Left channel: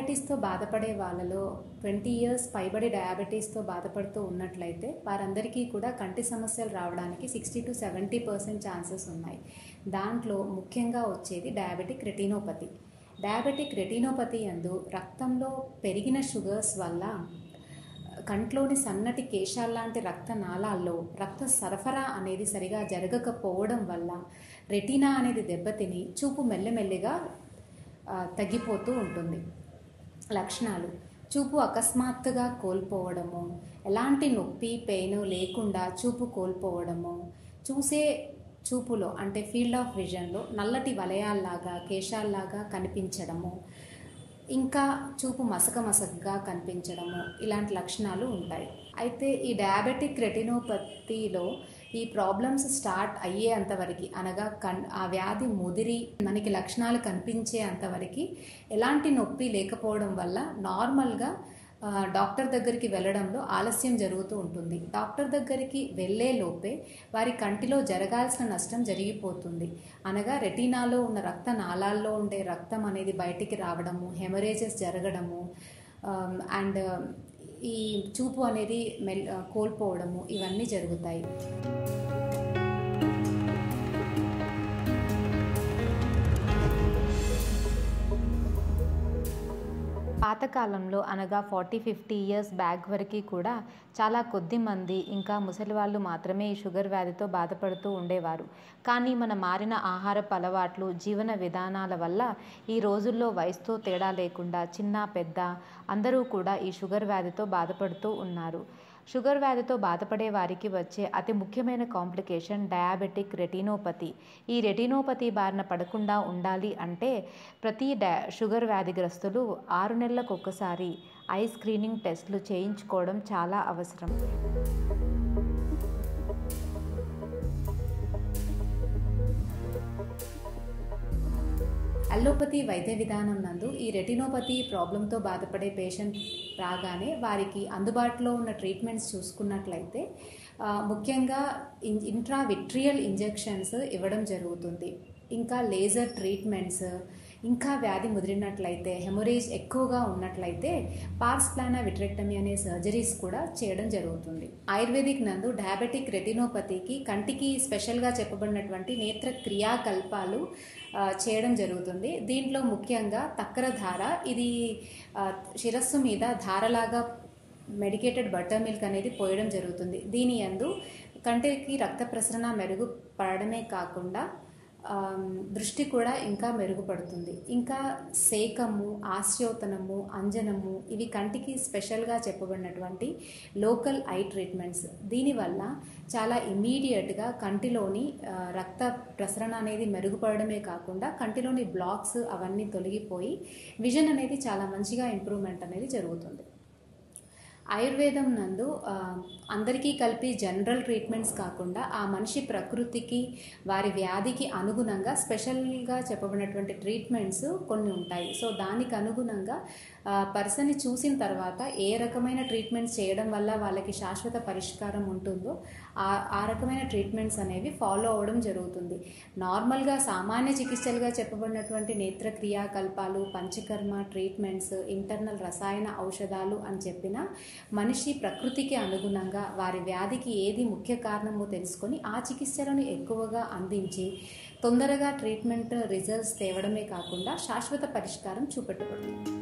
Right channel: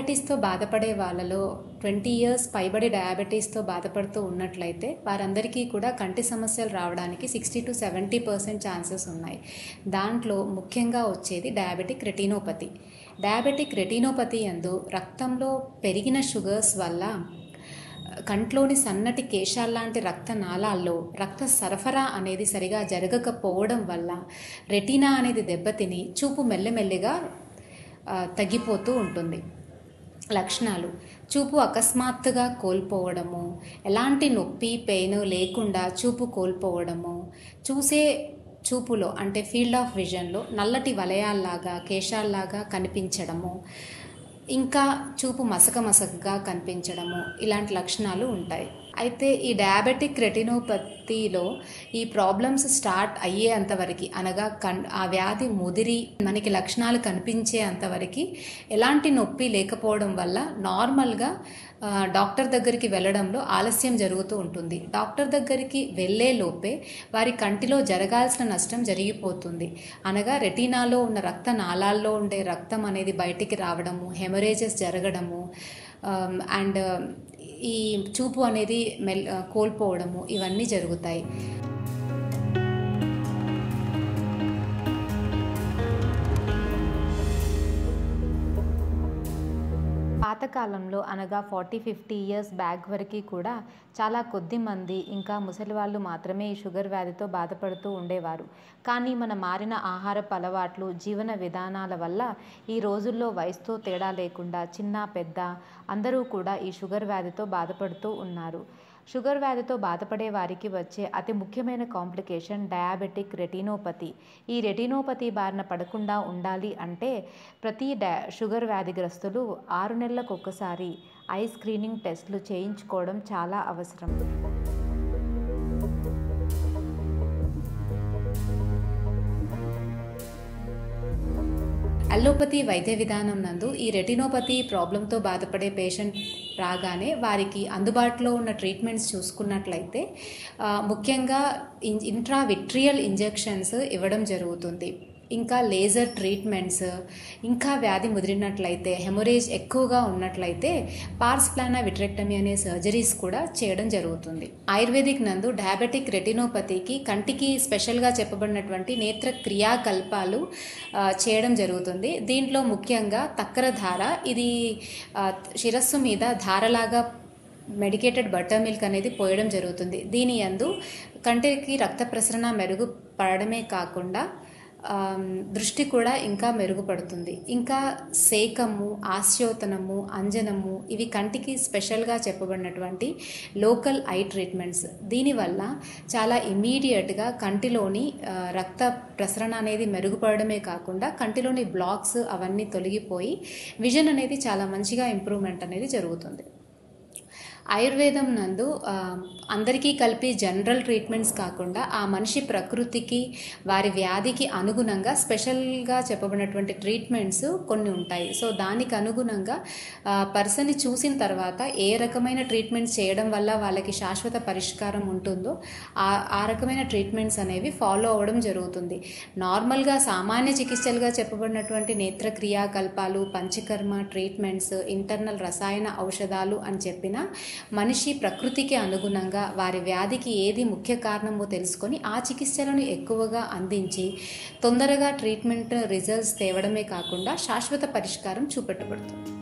డయాబెటీస్తో బాధపడే వాళ్ళలో 20 ఇయర్స్ పైబడి డయాబెటీస్తో బాధపడుతూ ఉన్నట్లయితే వారందరికీ కూడా కంటి సమస్యలు రావడానికి 60-70% ఛాన్సెస్ ఉన్నాయి. దాంట్లో ముఖ్యంగా వచ్చేది డయాబెటిక్ రెటినోపతి. డయాబెటిక్ రెటినోపతి యందు రక్తంలో పెరిగిన షుగర్స్ వల్ల కంట్లోని సన్నటి కేశాల్లాంటి రక్తనాళాల్లో రక్త సరఫరా అనేది సరిగా జరగకపోవడం వల్ల రెటీనా అనేది దెబ్బతిని చూపు మెల్లమెల్లిగా తగ్గిపోతూ ఉంటుంది. లక్షణాలు: చూపు అకస్మాత్తుగా కోల్పోవడము, ఎలాంటి నొప్పి పెయిన్ లేకుండా చూపు కోల్పోవడము, చూపులో అంటే ఫీల్డ్ ఆఫ్ విజన్లో నల్లటి వలయాల్లాగా కేశాల్లాగా కనిపించడము, ఇంకా చూపు మసకగా కనిపించడము, ఇలాంటి లక్షణాలు ఉంటాయి. అయితే ఈ డయాబెటిక్ రెటినోపతిలో ఈ ప్రాబ్లమ్స్ స్టార్ట్ అయ్యే అంతవరకు, అనగా ఆ వ్యాధి ముదిరి మనకి లక్షణాలు కనిపించే అంతవరకు ఎలాంటి నొప్పి లేకపోవడం వల్ల నార్మల్గా డాక్టర్ దగ్గరికి వెళ్ళడంలో ఆలస్యం జరుగుతూ ఉంటుంది. డాక్టర్ దగ్గరికి వెళ్ళే లోపే వారి కంటిలో జరగాల్సిన నష్టం జరిగిపోతుంది. అనగా రెటీనాలో ఉన్న రక్తనాళాల్లో ఉండే రక్తం అనేది బయటికి రావడము, హెమరేజెస్ జరగడము, అండ్ ఈ చూపు అనేది కోల్పోవడము, ఇవన్నీ జరుగుతాయి. పాతకాలంలో అనగా 40-50 ఇయర్స్ బ్యాక్ వరకు కూడా చాలా కొద్ది మంది ఇంకా ముసలి వాళ్ళు మాత్రమే ఈ షుగర్ వ్యాధితో బాధపడుతూ ఉండేవారు. కానీ మన మారిన ఆహారపు అలవాట్లు, జీవన విధానాల వల్ల ఈ రోజుల్లో వయసుతో తేడా లేకుండా చిన్న పెద్ద అందరూ కూడా ఈ షుగర్ వ్యాధితో బాధపడుతూ ఉన్నారు. షుగర్ వ్యాధితో బాధపడే వారికి వచ్చే అతి ముఖ్యమైన కాంప్లికేషన్ డయాబెటిక్ రెటినోపతి. ఈ రెటినోపతి బారిన పడకుండా ఉండాలి అంటే ప్రతి షుగర్ వ్యాధిగ్రస్తులు 6 నెలలకు ఒకసారి ఐ స్క్రీనింగ్ టెస్టులు చేయించుకోవడం చాలా అవసరం. అల్లోపతి వైద్య విధానం నందు ఈ రెటినోపతి ప్రాబ్లంతో బాధపడే పేషెంట్ రాగానే వారికి అందుబాటులో ఉన్న ట్రీట్మెంట్స్ చూసుకున్నట్లయితే ముఖ్యంగా ఇంట్రావిట్రియల్ ఇంజెక్షన్స్ ఇవ్వడం జరుగుతుంది. ఇంకా లేజర్ ట్రీట్మెంట్స్, ఇంకా వ్యాధి ముదిరినట్లయితే, హెమరేజ్ ఎక్కువగా ఉన్నట్లయితే పార్స్ ప్లానా విట్రెక్టమీ అనే సర్జరీస్ కూడా చేయడం జరుగుతుంది. ఆయుర్వేదిక్ నందు డయాబెటిక్ రెటినోపతికి కంటికి స్పెషల్గా చెప్పబడినటువంటి నేత్ర క్రియాకల్పాలు చేయడం జరుగుతుంది. దీంట్లో ముఖ్యంగా తక్కర ధార, ఇది శిరస్సు మీద ధారలాగా మెడికేటెడ్ బటర్ మిల్క్ అనేది పోయడం జరుగుతుంది. దీని యందు కంటికి రక్త ప్రసరణ మెరుగుపడమే కాకుండా దృష్టి కూడా ఇంకా మెరుగుపడుతుంది. ఇంకా సేకము, ఆస్యోతనము, అంజనము, ఇవి కంటికి స్పెషల్గా చెప్పబడినటువంటి లోకల్ ఐ ట్రీట్మెంట్స్. దీనివల్ల చాలా ఇమ్మీడియట్గా కంటిలోని రక్త ప్రసరణ అనేది మెరుగుపడమే కాకుండా కంటిలోని బ్లాక్స్ అవన్నీ తొలగిపోయి విజన్ అనేది చాలా మంచిగా ఇంప్రూవ్మెంట్ అనేది జరుగుతుంది. ఆయుర్వేదం నందు అందరికీ కలిపి జనరల్ ట్రీట్మెంట్స్ కాకుండా ఆ మనిషి ప్రకృతికి, వారి వ్యాధికి అనుగుణంగా స్పెషల్గా చెప్పబడినటువంటి ట్రీట్మెంట్స్ కొన్ని ఉంటాయి. సో దానికి అనుగుణంగా పర్సన్ని చూసిన తర్వాత ఏ రకమైన ట్రీట్మెంట్స్ చేయడం వల్ల వాళ్ళకి శాశ్వత పరిష్కారం ఉంటుందో ఆ రకమైన ట్రీట్మెంట్స్ అనేవి ఫాలో అవ్వడం జరుగుతుంది. నార్మల్గా సామాన్య చికిత్సలుగా చెప్పబడినటువంటి నేత్ర క్రియాకల్పాలు, పంచకర్మ ట్రీట్మెంట్స్, ఇంటర్నల్ రసాయన ఔషధాలు అని చెప్పిన మనిషి ప్రకృతికి అనుగుణంగా వారి వ్యాధికి ఏది ముఖ్య కారణమో తెలుసుకొని ఆ చికిత్సలను ఎక్కువగా అందించి తొందరగా ట్రీట్మెంట్ రిజల్ట్స్ తేవడమే కాకుండా శాశ్వత పరిష్కారం చూపెట్టబడుతుంది.